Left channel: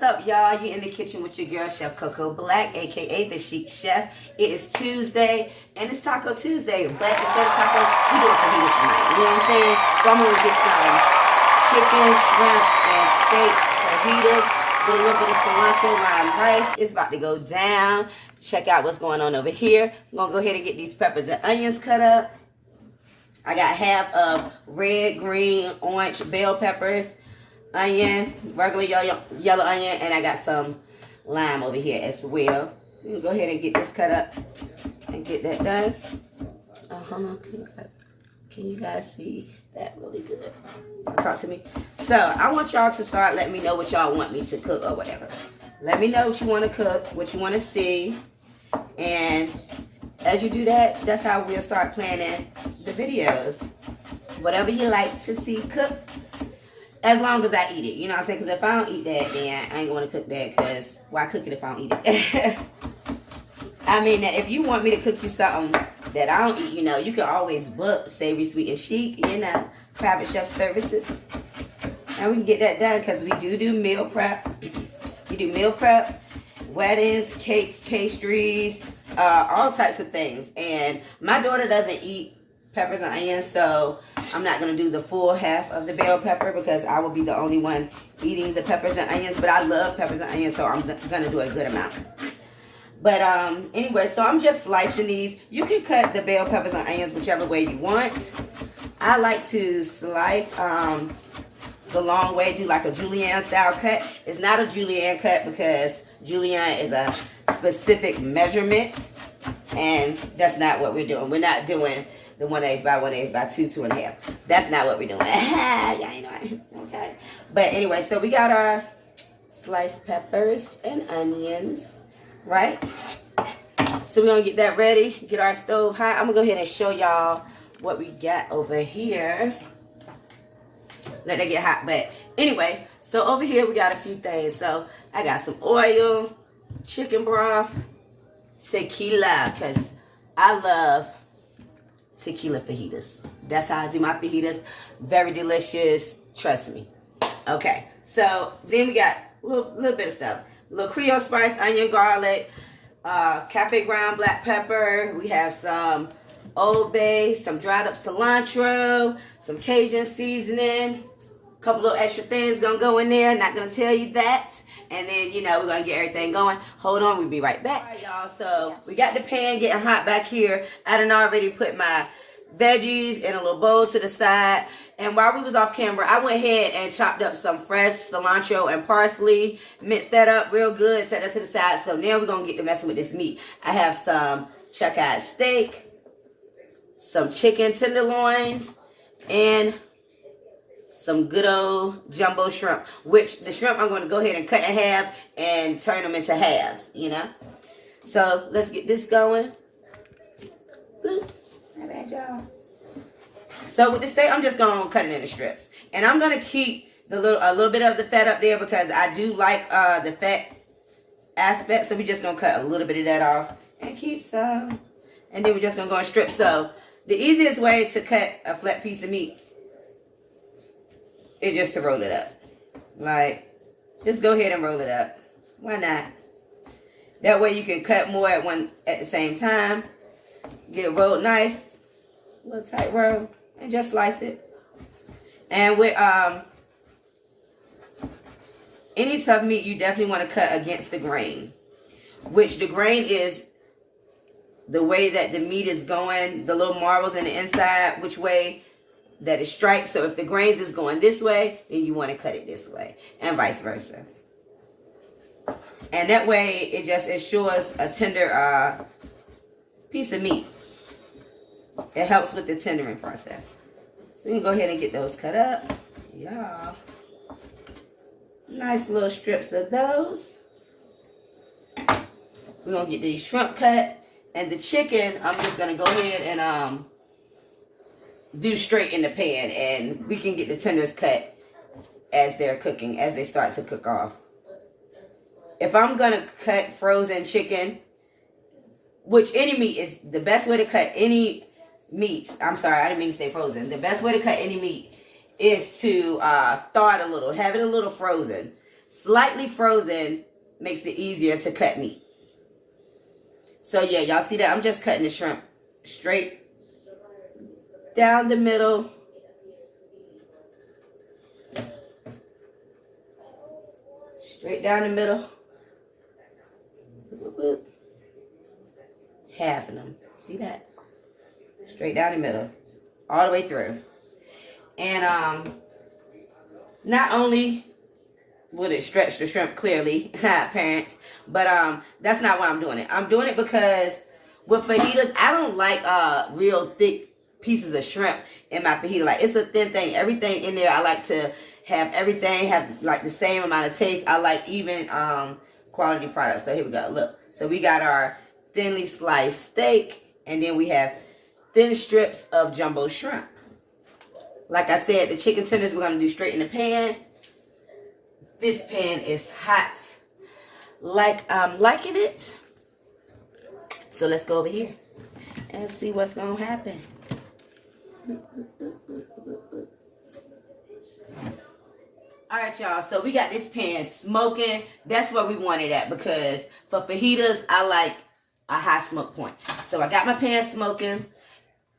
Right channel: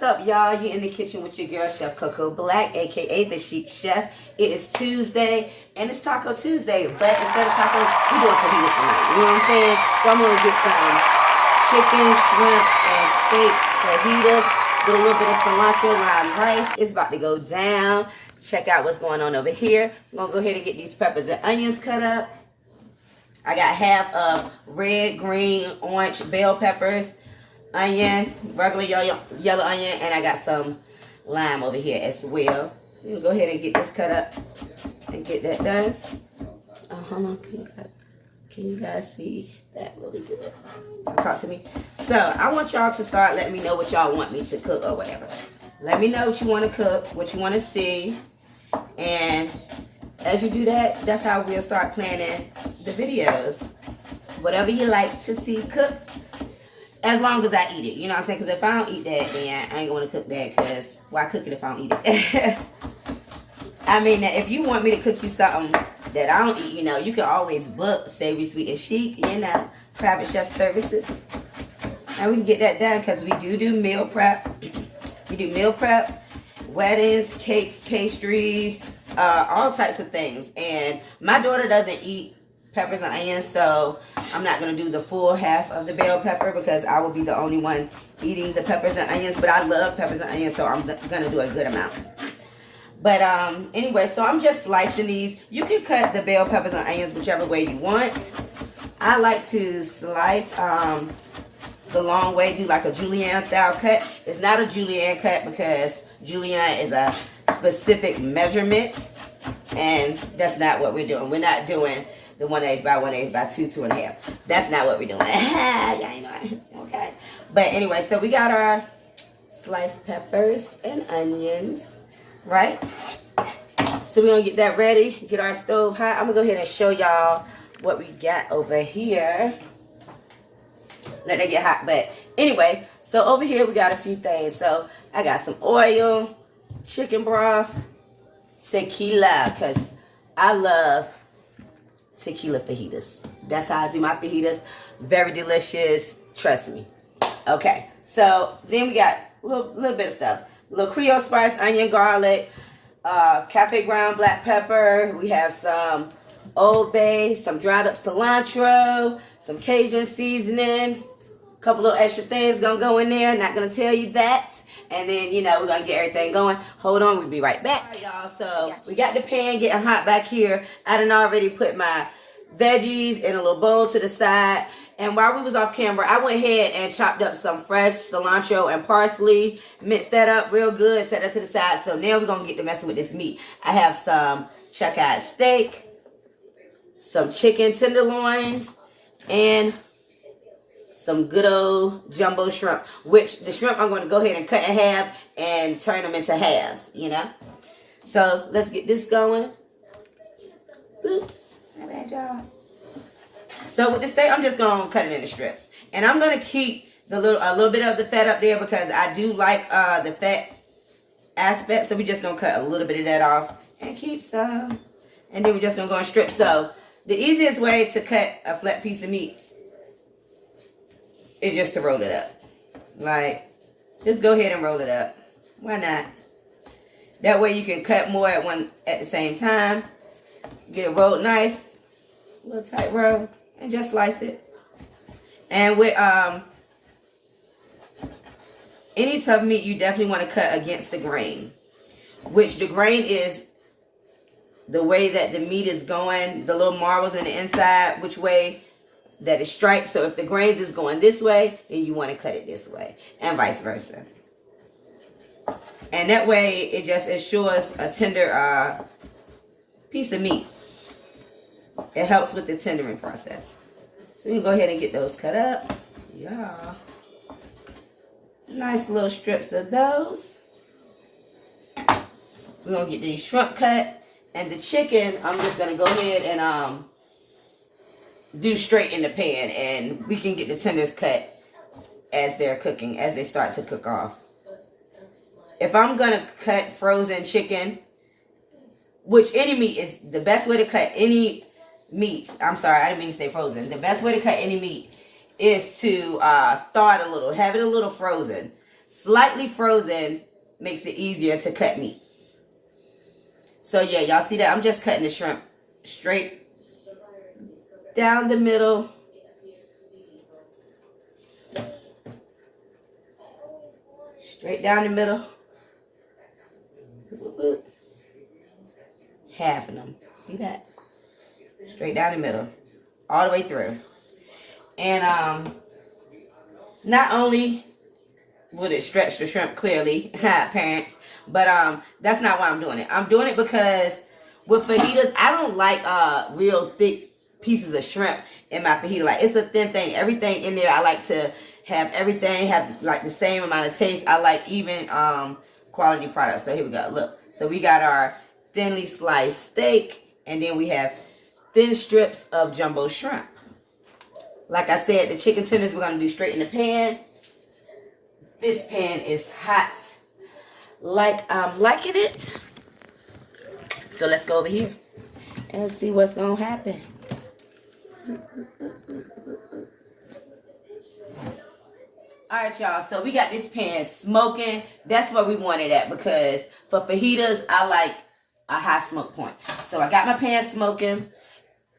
What's up, y'all? You in the kitchen with your girl, Chef Coco Black, aka the Chic Chef. It is Tuesday, and it's Taco Tuesday. But instead of tacos, we doing fajitas tonight. You know what I'm saying? So I'm gonna get some chicken, shrimp, and steak fajitas with a little bit of cilantro, lime rice. It's about to go down. Check out what's going on over here. I'm gonna go ahead and get these peppers and onions cut up. I got half of red, green, orange bell peppers, onion, regular yellow onion, and I got some lime over here as well. You can go ahead and get this cut up and get that done. Oh, hold on. Can you guys see that really good? Talk to me. So I want y'all to start letting me know what y'all want me to cook or whatever. Let me know what you want to cook, what you want to see, and as you do that, that's how we'll start planning the videos. Whatever you like to see cook, as long as I eat it. You know what I'm saying? Because if I don't eat that, then I ain't going to cook that, because why cook it if I don't eat it? I mean, if you want me to cook you something that I don't eat, you know, you can always book Savory, Sweet, and Chic, you know, private chef services. And we can get that done, because we do meal prep. We do meal prep, weddings, cakes, pastries, all types of things. And my daughter doesn't eat peppers and onions, so I'm not going to do the full half of the bell pepper, because I will be the only one eating the peppers and onions. But I love peppers and onions, so I'm going to do a good amount. But anyway, so I'm just slicing these. You can cut the bell peppers and onions whichever way you want. I like to slice the long way, do like a julienne style cut. It's not a julienne cut, because julienne is a specific measurement, and that's not what we're doing. We're not doing the 1/8 by 1/8 by 2, 2.5. That's not what we're doing. Yeah, you know, okay. But anyway, so we got our sliced peppers and onions, right? So we're gonna get that ready, get our stove hot. I'm gonna go ahead and show y'all what we got over here. Let that get hot. But anyway, so over here we got a few things. So I got some oil, chicken broth, tequila, because I love tequila fajitas. That's how I do my fajitas. Very delicious. Trust me. Okay. So then we got a little bit of stuff. A little Creole spice, onion, garlic, cafe ground black pepper. We have some Old Bay, some dried up cilantro, some Cajun seasoning. Couple of extra things gonna go in there. Not gonna tell you that. And then, you know, we're gonna get everything going. Hold on, we'll be right back. All right, y'all. So we got the pan getting hot back here. I done already put my veggies in a little bowl to the side. And while we was off camera, I went ahead and chopped up some fresh cilantro and parsley. Minced that up real good. Set that to the side. So now we're gonna get to messing with this meat. I have some chuck-eyed steak, some chicken tenderloins, and some good old jumbo shrimp, which the shrimp I'm going to go ahead and cut in half and turn them into halves, you know. So let's get this going. Bloop. My bad, y'all. So with the steak, I'm just going to cut it into strips. And I'm going to keep a little bit of the fat up there, because I do like the fat aspect. So we're just going to cut a little bit of that off and keep some. And then we're just going to go in strips. So the easiest way to cut a flat piece of meat is just to roll it up. Like, just go ahead and roll it up. Why not? That way you can cut more at the same time. Get it rolled nice, a little tight roll, and just slice it. And with any tough meat, you definitely want to cut against the grain, which the grain is the way that the meat is going, the little marbles in the inside, which way that is striped. So if the grains is going this way, then you want to cut it this way, and vice versa. And that way it just ensures a tender piece of meat. It helps with the tendering process. So we can go ahead and get those cut up. Yeah. Nice little strips of those. We're going to get these shrimp cut. And the chicken, I'm just going to go ahead and do straight in the pan, and we can get the tenders cut as they're cooking, as they start to cook off. If I'm gonna cut frozen chicken, which any meat is the best way to cut any meat. I'm sorry, I didn't mean to say frozen. The best way to cut any meat is to thaw it a little, have it a little frozen. Slightly frozen makes it easier to cut meat. So yeah, y'all see that? I'm just cutting the shrimp straight down the middle. Straight down the middle. Half of them. See that? Straight down the middle. All the way through. And not only would it stretch the shrimp clearly, parents, but that's not why I'm doing it. I'm doing it because with fajitas, I don't like real thick pieces of shrimp in my fajita. Like, it's a thin thing. Everything in there, I like to have everything have like the same amount of taste. I like even quality products. So here we go. Look. So we got our thinly sliced steak, and then we have thin strips of jumbo shrimp. Like I said, the chicken tenders we're going to do straight in the pan. This pan is hot like I'm liking it. So let's go over here and see what's going to happen. Alright, y'all. So we got this pan smoking. That's where we want it at, because for fajitas, I like a high smoke point. So I got my pan smoking.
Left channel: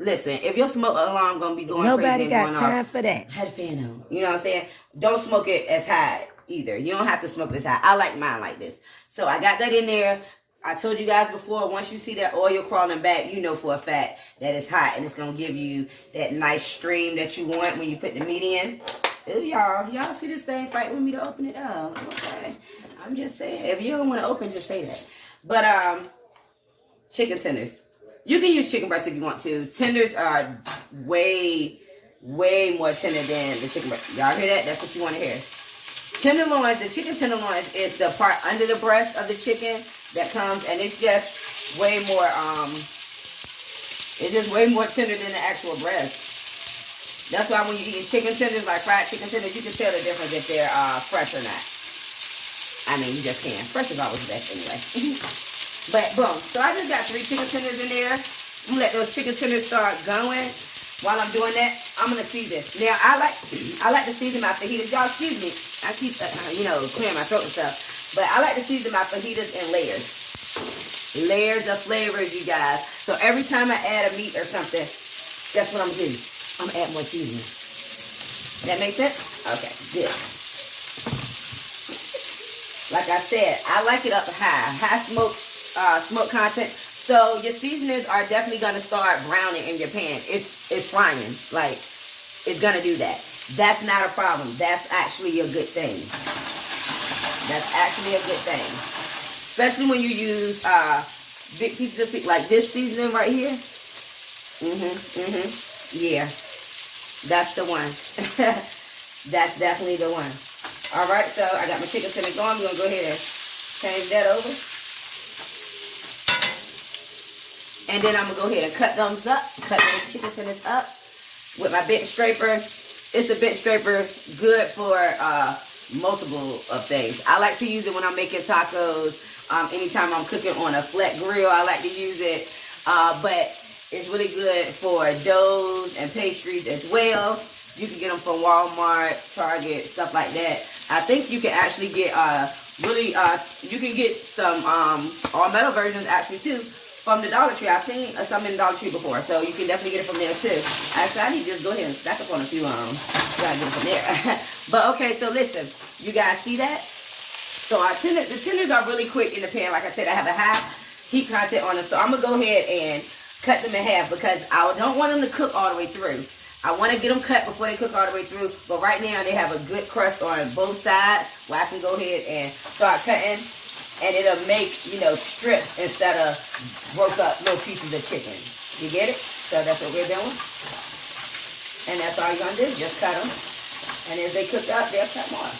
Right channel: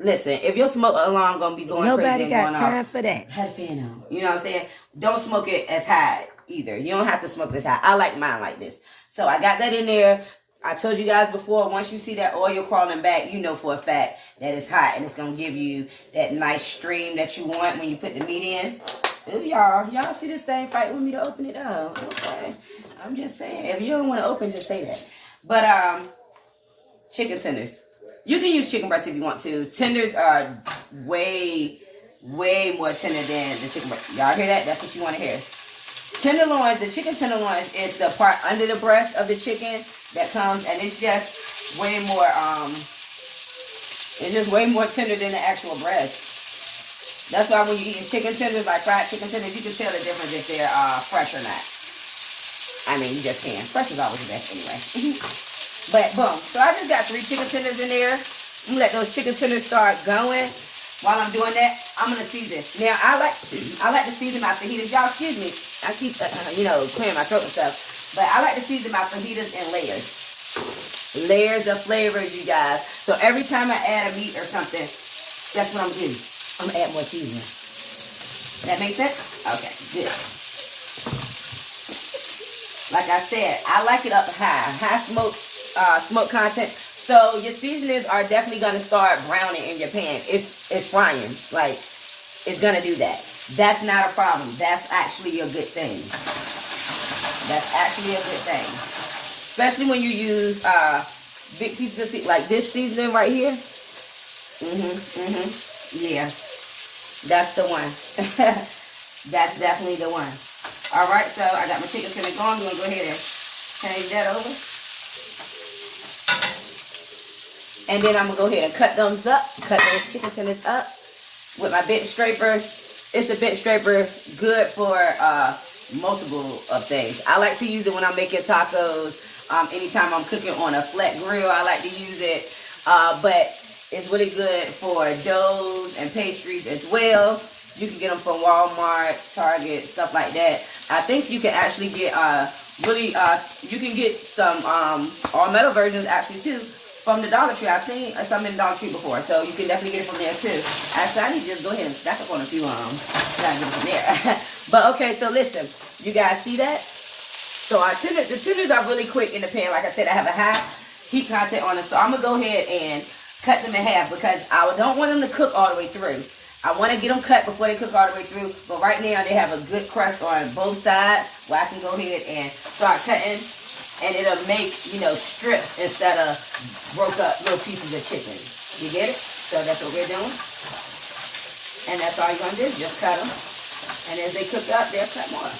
Listen, if your smoke alarm gonna be going nobody crazy, got time for that. Have the fan on. You know what I'm saying? Don't smoke it as high either. You don't have to smoke this high. I like mine like this. So I got that in there. I told you guys before, once you see that oil crawling back, you know for a fact that it's hot, and it's gonna give you that nice stream that you want when you put the meat in. Ooh, y'all see this thing fighting with me to open it up? Okay, I'm just saying. If you don't want to open, just say that. But chicken tenders. You can use chicken breast if you want to. Tenders are way more tender than the chicken breast. Y'all hear that? That's what you want to hear. Tenderloins, the chicken tenderloins is the part under the breast of the chicken that comes, and it's just way more, it's just way more tender than the actual breast. That's why when you're eating chicken tenders, like fried chicken tenders, you can tell the difference if they're fresh or not. I mean, you just can. Fresh is always the best anyway. But boom, so I just got 3 chicken tenders in there. I'm gonna let those chicken tenders start going. While I'm doing that, I'm gonna season. Now I like to season my fajitas. Y'all excuse me. I keep clearing my throat and stuff. But I like to season my fajitas in layers. Layers of flavors, you guys. So every time I add a meat or something, that's what I'm gonna do. I'm gonna add more seasoning. That make sense? Okay, good. Like I said, I like it up high smoke content. So your seasonings are definitely gonna start browning in your pan. It's frying, like it's gonna do that. That's not a problem. That's actually a good thing. That's actually a good thing, especially when you use big pieces of like this seasoning right here. Yeah, that's the one. That's definitely the one. All right, so I got my chicken tender going. We're gonna go ahead and change that over. And then I'm going to go ahead and cut those chicken tenders up with my bench scraper. It's a bench scraper, good for multiple of things. I like to use it when I'm making tacos. Anytime I'm cooking on a flat grill, I like to use it. But it's really good for doughs and pastries as well. You can get them from Walmart, Target, stuff like that. I think you can actually get you can get some all metal versions actually too. From the Dollar Tree. I've seen some in the Dollar Tree before, so you can definitely get it from there too. Actually, I need to just go ahead and stack up on a few gotta get it from there. But okay, so listen, you guys see that? So the tenders are really quick in the pan. Like I said, I have a high heat content on them, so I'm gonna go ahead and cut them in half because I don't want them to cook all the way through. I want to get them cut before they cook all the way through, but right now they have a good crust on both sides where I can go ahead and start cutting. And it'll make, strips instead of broke up little pieces of chicken. You get it? So that's what we're doing. And that's all you're going to do. Just cut them. And as they cook up, they'll cut more.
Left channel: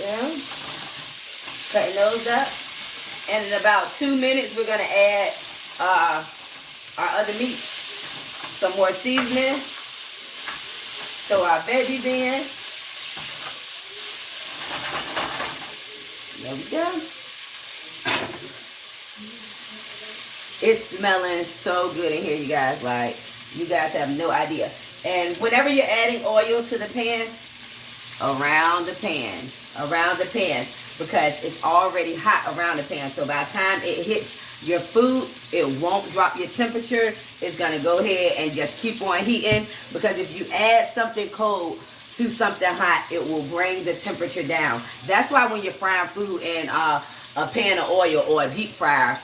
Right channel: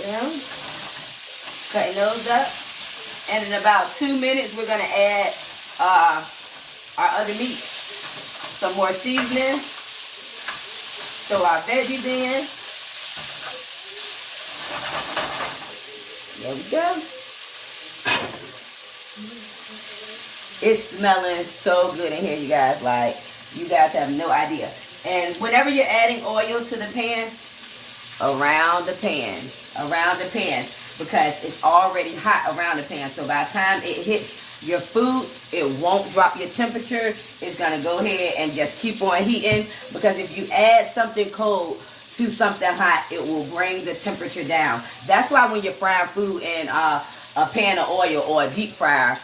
Yeah. Cutting those up. And in about 2 minutes, we're going to add our other meat. Some more seasoning. Throw our veggies in. There we go. It's smelling so good in here, you guys. Like, you guys have no idea. And whenever you're adding oil to the pan, around the pan, because it's already hot around the pan. So by the time it hits your food, it won't drop your temperature. It's going to go ahead and just keep on heating, because if you add something cold to something hot, it will bring the temperature down. That's why when you're frying food in a pan of oil or a deep fryer,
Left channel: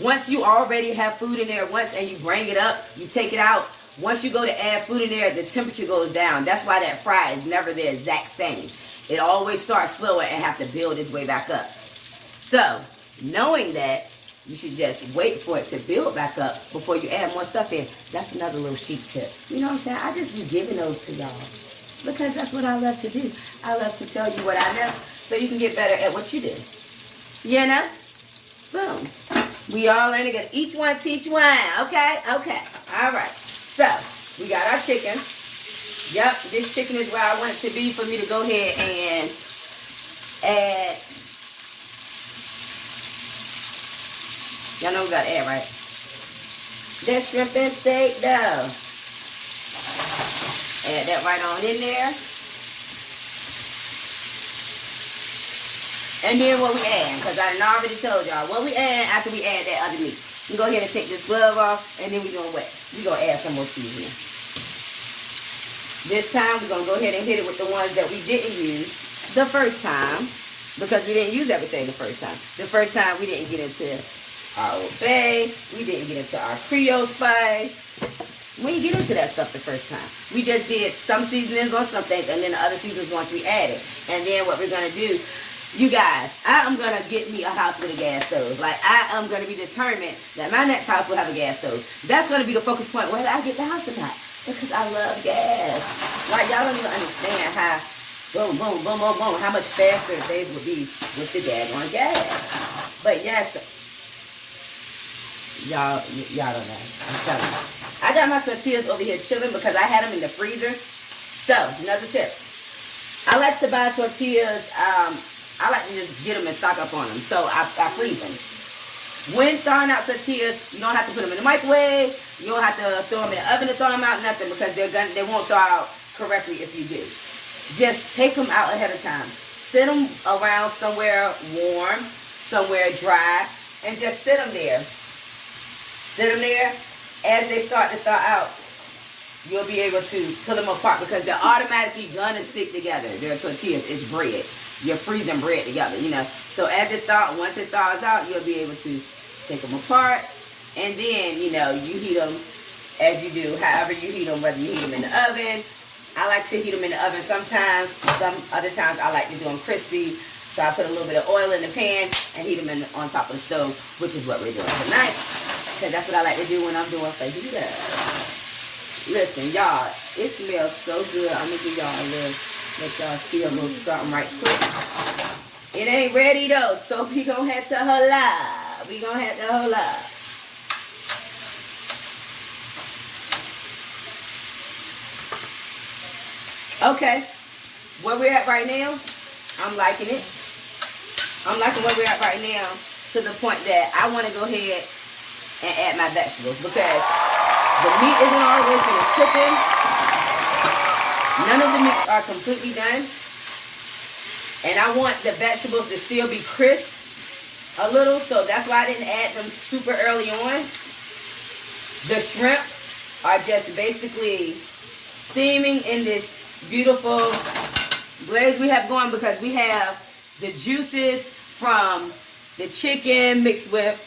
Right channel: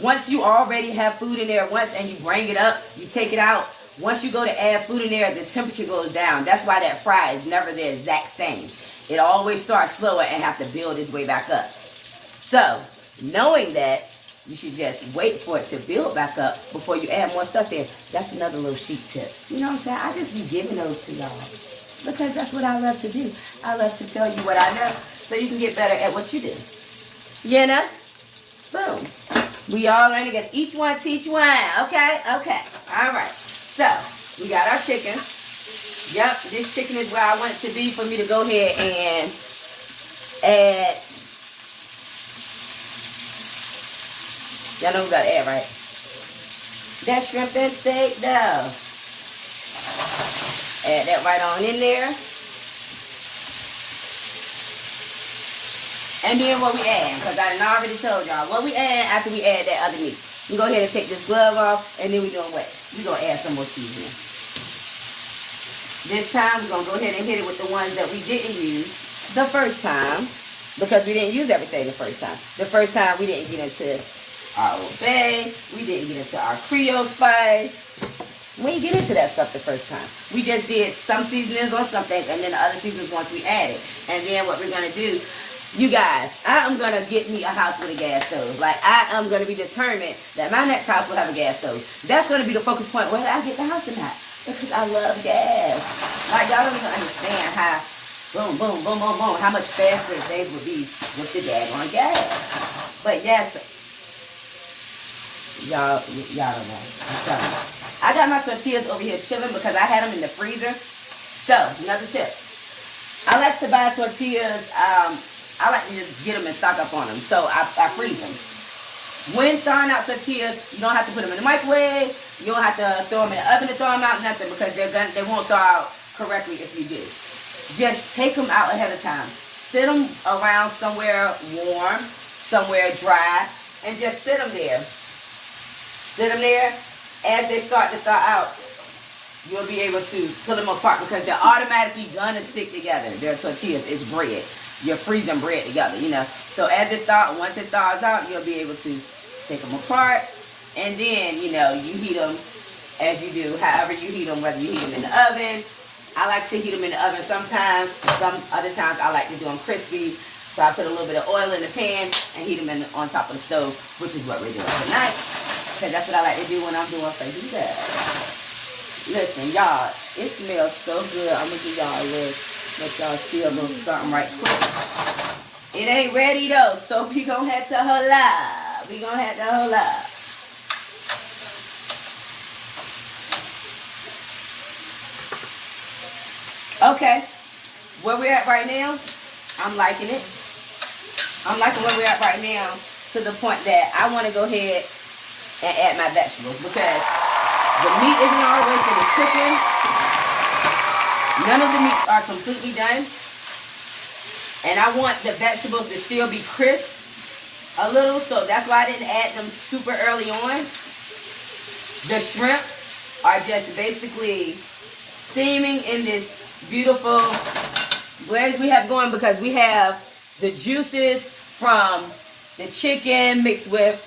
once you already have food in there and you bring it up, you take it out. Once you go to add food in there, the temperature goes down. That's why that fry is never the exact same. It always starts slower and has to build its way back up. So, knowing that, you should just wait for it to build back up before you add more stuff in. That's another little chic tip. You know what I'm saying? I just be giving those to y'all because that's what I love to do. I love to tell you what I know so you can get better at what you do. You know? Boom. We all learn together. Each one teach one. Okay? Okay. All right. So, we got our chicken. Yep, this chicken is where I want it to be for me to go ahead and add. Y'all know we got to add, right? That shrimp and steak dough. Add that right on in there. And then what we add, because I done already told y'all, what we add after we add that other meat. You go ahead and take this glove off, and then we're going to add some more seasoning. This time, we're going to go ahead and hit it with the ones that we didn't use the first time, because we didn't use everything the first time. The first time, we didn't get into our Old Bay. We didn't get into our Creole spice. We didn't get into that stuff the first time. We just did some seasonings on some things, and then the other seasonings once we added. And then what we're going to do, you guys, I am going to get me a house with a gas stove. Like, I am going to be determined that my next house will have a gas stove. That's going to be the focus point, whether I get the house or not. Because I love gas. Like, y'all don't even understand how, boom, boom, boom, boom, boom, how much faster things would be with the daggone gas. But yes, y'all don't know. I'm telling you. I got my tortillas over here chilling because I had them in the freezer. So, another tip. I like to buy tortillas, I like to just get them and stock up on them. So I freeze them. When thawing out tortillas, you don't have to put them in the microwave. You don't have to throw them in the oven to thaw them out, nothing, because they won't thaw out correctly if you do. Just take them out ahead of time. Sit them around somewhere warm, somewhere dry, and just sit them there. Sit them there. As they start to thaw out, you'll be able to pull them apart because they're automatically gonna stick together. Their tortillas is bread. You're freezing bread together, you know. So as once it thaws out, you'll be able to take them apart. And then, you know, you heat them as you do, however you heat them, whether you heat them in the oven. I like to heat them in the oven sometimes. Some other times I like to do them crispy. So I put a little bit of oil in the pan and heat them on top of the stove, which is what we're doing tonight. Because that's what I like to do when I'm doing fajitas. Listen, y'all, it smells so good. I'm going to give y'all a little. Let y'all see, I'm going to start them right quick. It ain't ready though, so we going to have to holla. We going to have to holla. Okay, where we're at right now, I'm liking it. I'm liking where we're at right now to the point that I want to go ahead and add my vegetables because the meat isn't all the way finished cooking. None of the meats are completely done. And I want the vegetables to still be crisp a little, so that's why I didn't add them super early on. The shrimp are just basically steaming in this beautiful glaze we have going because we have the juices from the chicken mixed with,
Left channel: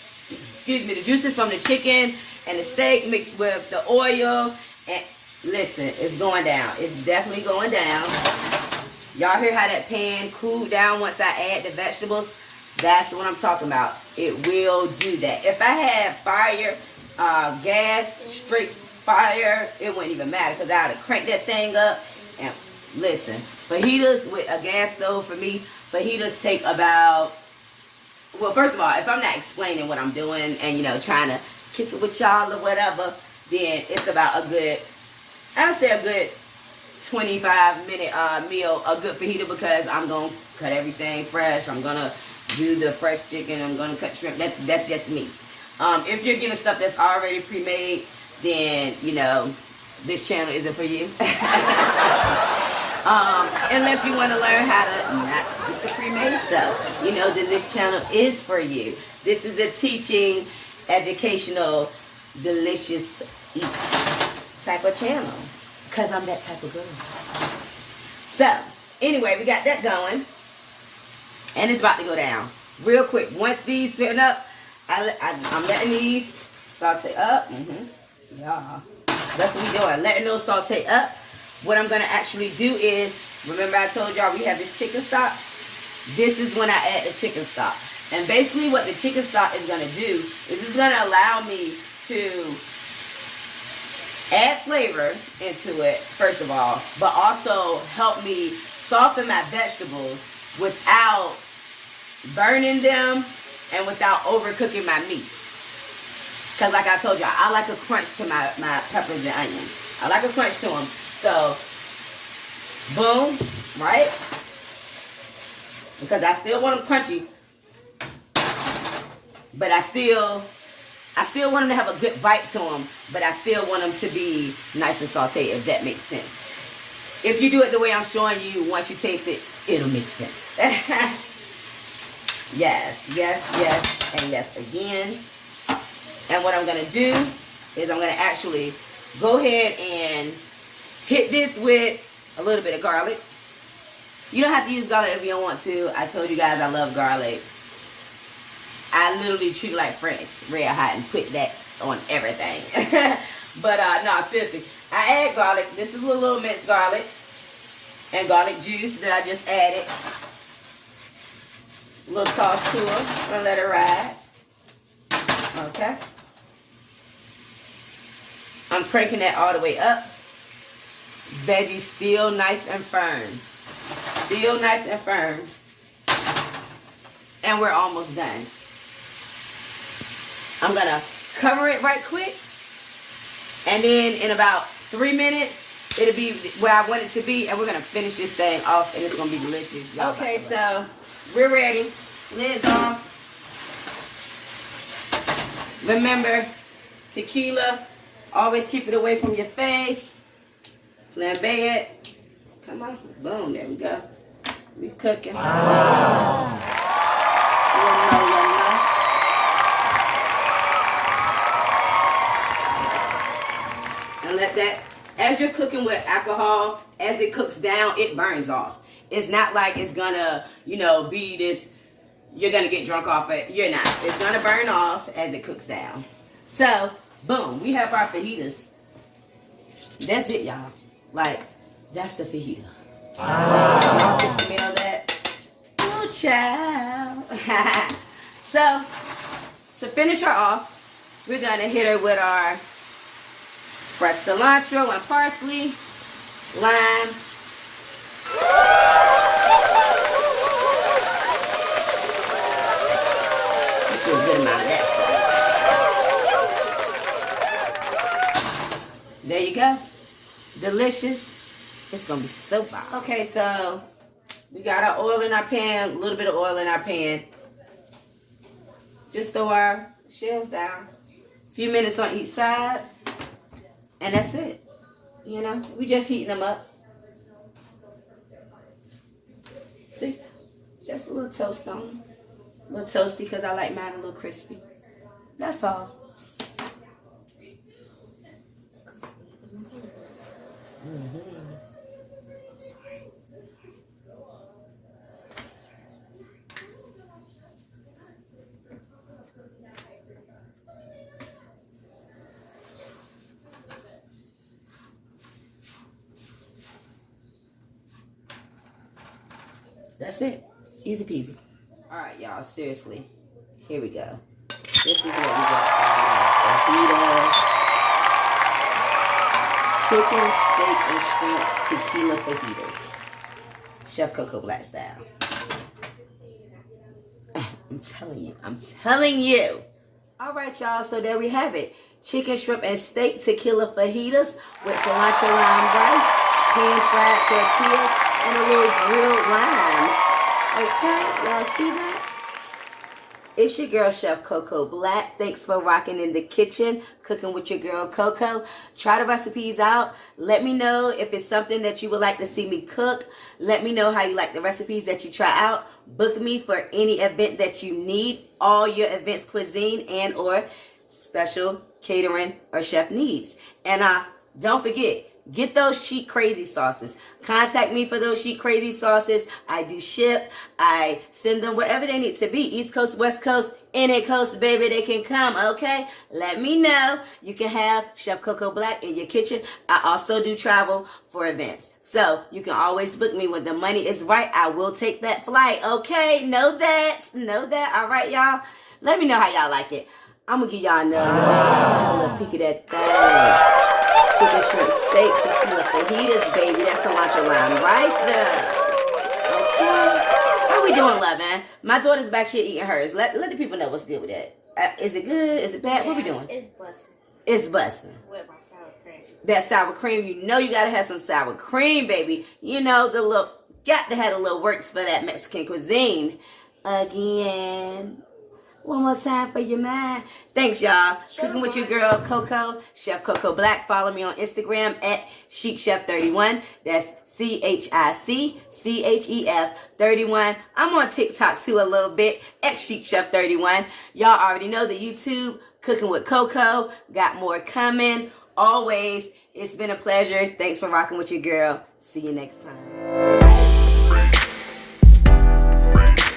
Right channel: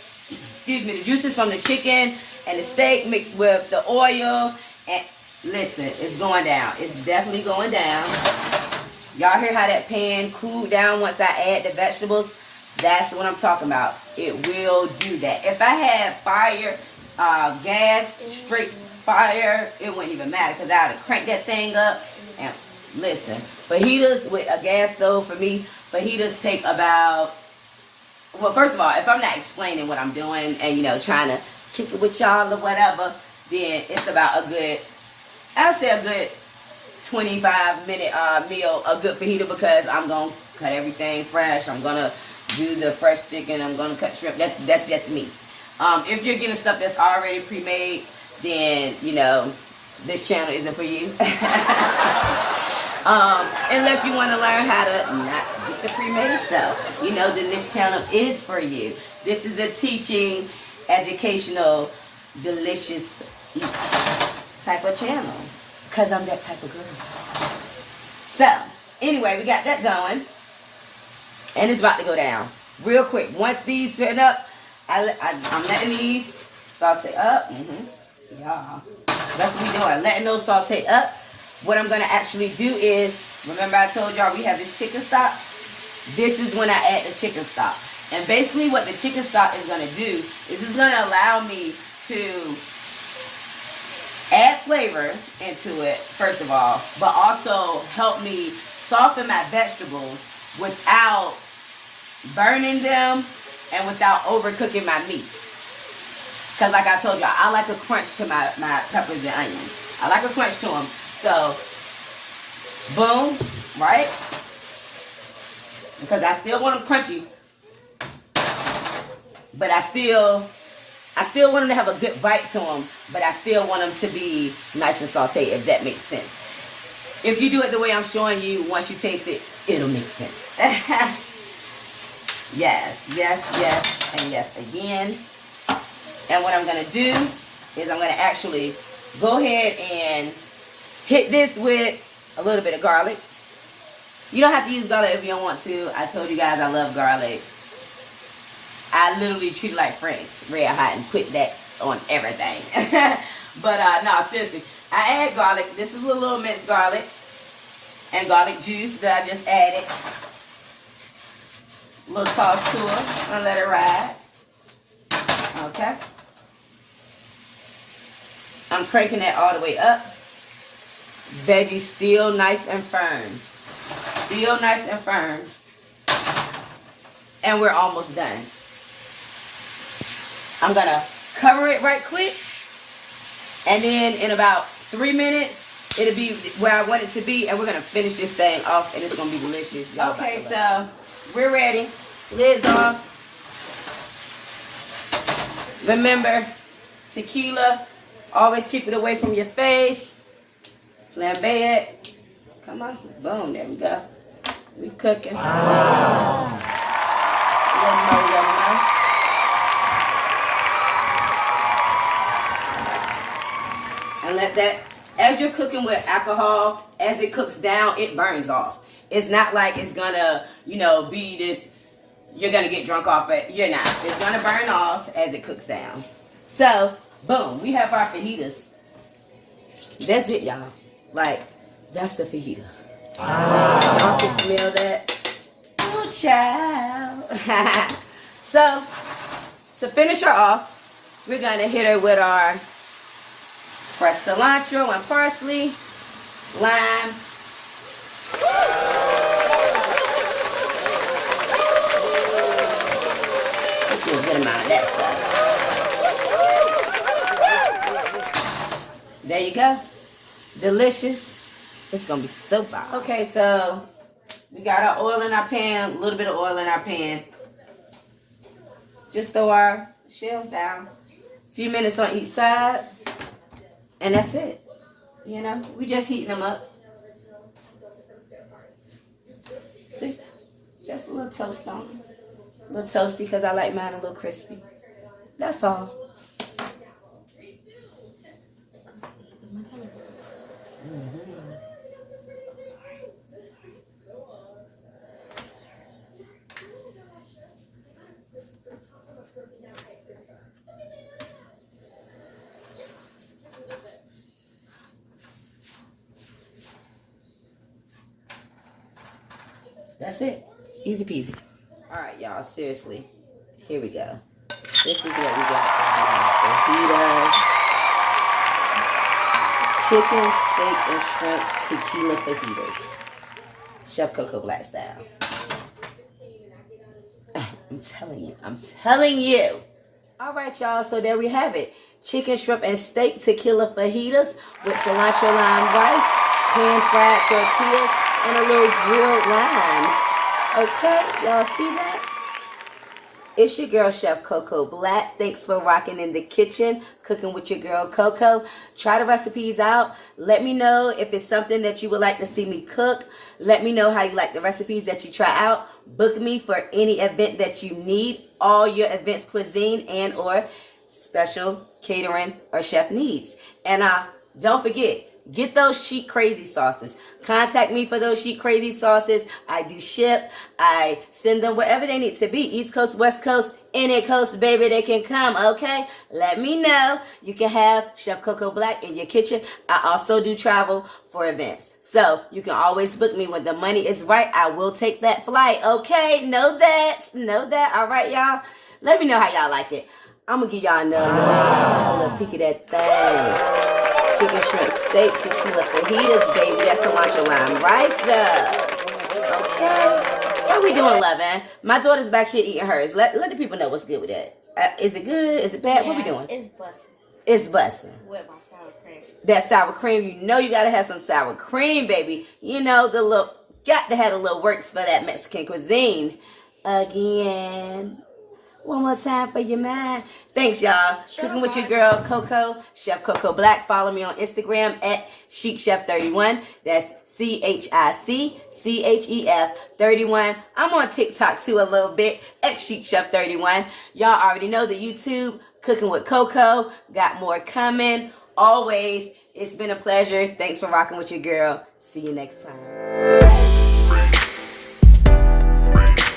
the juices from the chicken and the steak mixed with the oil. And listen, it's going down. It's definitely going down. Y'all hear how that pan cooled down once I add the vegetables? That's what I'm talking about. It will do that. If I had fire, gas, straight fire, it wouldn't even matter because I would have cranked that thing up. And listen, fajitas with a gas stove for me, fajitas take about, well, first of all, if I'm not explaining what I'm doing and, you know, trying to kick it with y'all or whatever, then it's about a good, I would say a good 25-minute meal, a good fajita because I'm going to cut everything fresh. I'm going to do the fresh chicken. I'm going to cut shrimp. That's just me. If you're getting stuff that's already pre-made, then, you know, this channel isn't for you. Unless you want to learn how to not get the pre-made stuff, you know, then this channel is for you. This is a teaching, educational, delicious type of channel, because I'm that type of girl. So, anyway, we got that going, and it's about to go down real quick. Once these fit up, I'm letting these saute up. Yeah, that's what we're doing, letting those saute up. What I'm going to actually do is, remember I told y'all we have this chicken stock? This is when I add the chicken stock. And basically what the chicken stock is going to do is it's going to allow me to add flavor into it, first of all, but also help me soften my vegetables without burning them and without overcooking my meat. Because like I told y'all, I like a crunch to my peppers and onions. I like a crunch to them. So, boom, right? Because I still want them crunchy, but I still want them to have a good bite to them, but I still want them to be nice and sauteed, if that makes sense. If you do it the way I'm showing you, once you taste it, it'll make sense. Yes, yes, yes, and yes again. And what I'm going to do is I'm going to actually go ahead and hit this with a little bit of garlic. You don't have to use garlic if you don't want to. I told you guys I love garlic. I literally treat it like French red hot and put that on everything. But no, seriously, I add garlic. This is a little minced garlic and garlic juice that I just added. A little toss to it and let it ride. Okay. I'm cranking that all the way up. Veggie still nice and firm. Still nice and firm. And we're almost done. I'm going to cover it right quick. And then in about 3 minutes, it'll be where I want it to be. And we're going to finish this thing off. And it's going to be delicious. Okay, so we're ready. Lids on. Remember, tequila. Always keep it away from your face. Flambe it. Come on. Boom. There we go. We cooking. Wow. Let them know. And let that, as you're cooking with alcohol, as it cooks down, it burns off. It's not like it's gonna, you know, be this, you're gonna get drunk off it. You're not. It's gonna burn off as it cooks down. So, boom. We have our fajitas. That's it, y'all. Like, that's the fajita. Wow. You can smell that. Oh, child. So, to finish her off, we're going to hit her with our fresh cilantro and parsley, lime. Let's do a good amount of that. There you go. Delicious. It's going to be so bomb. Okay, so we got our oil in our pan, a little bit of oil in our pan. Just throw our shells down. A few minutes on each side. And that's it. You know, we just heating them up. See? Just a little toast on them. A little toasty because I like mine a little crispy. That's all. That's it. Easy peasy. Alright, y'all. Seriously. Here we go. This is what we got. Fajitas. Chicken, steak, and shrimp tequila fajitas. Chef Coco Black style. I'm telling you. I'm telling you. Alright, y'all. So there we have it. Chicken, shrimp, and steak tequila fajitas with cilantro lime rice, pan-fried tortillas, and a little grilled lime. Okay, y'all see that? It's your girl, Chef Coco Black. Thanks for rocking in the kitchen, cooking with your girl, Coco. Try the recipes out. Let me know if it's something that you would like to see me cook. Let me know how you like the recipes that you try out. Book me for any event that you need. All your events, cuisine, and or special catering or chef needs. And don't forget, get those Chic Crazy sauces. Contact me for those Chic Crazy sauces. I do ship. I send them wherever they need to be. East Coast, West Coast, any coast, baby, they can come, okay? Let me know. You can have Chef Coco Black in your kitchen. I also do travel for events. So you can always book me when the money is right. I will take that flight, okay? Know that. Know that. All right, y'all? Let me know how y'all like it. I'm going to give y'all a little peek of that thing. Chicken, shrimp, steak, tequila, fajitas, baby. That's cilantro lime rice up. Okay. How we doing, loving? My daughter's back here eating hers. Let the people know what's good with that. Is it good? Is it bad? Yeah, what we doing? It's busting. It's busting. With my sour cream. That sour cream, you know you got to have some sour cream, baby. You know, got to have a little works for that Mexican cuisine. Again. One more time for your mind. Thanks, y'all. Cooking with your girl, Coco, Chef Coco Black. Follow me on Instagram at ChicChef31. That's CHICCHEF 31. I'm on TikTok too a little bit at ChicChef31. Y'all already know the YouTube, Cooking with Coco. Got more coming. Always. It's been a pleasure. Thanks for rocking with your girl. See you next time.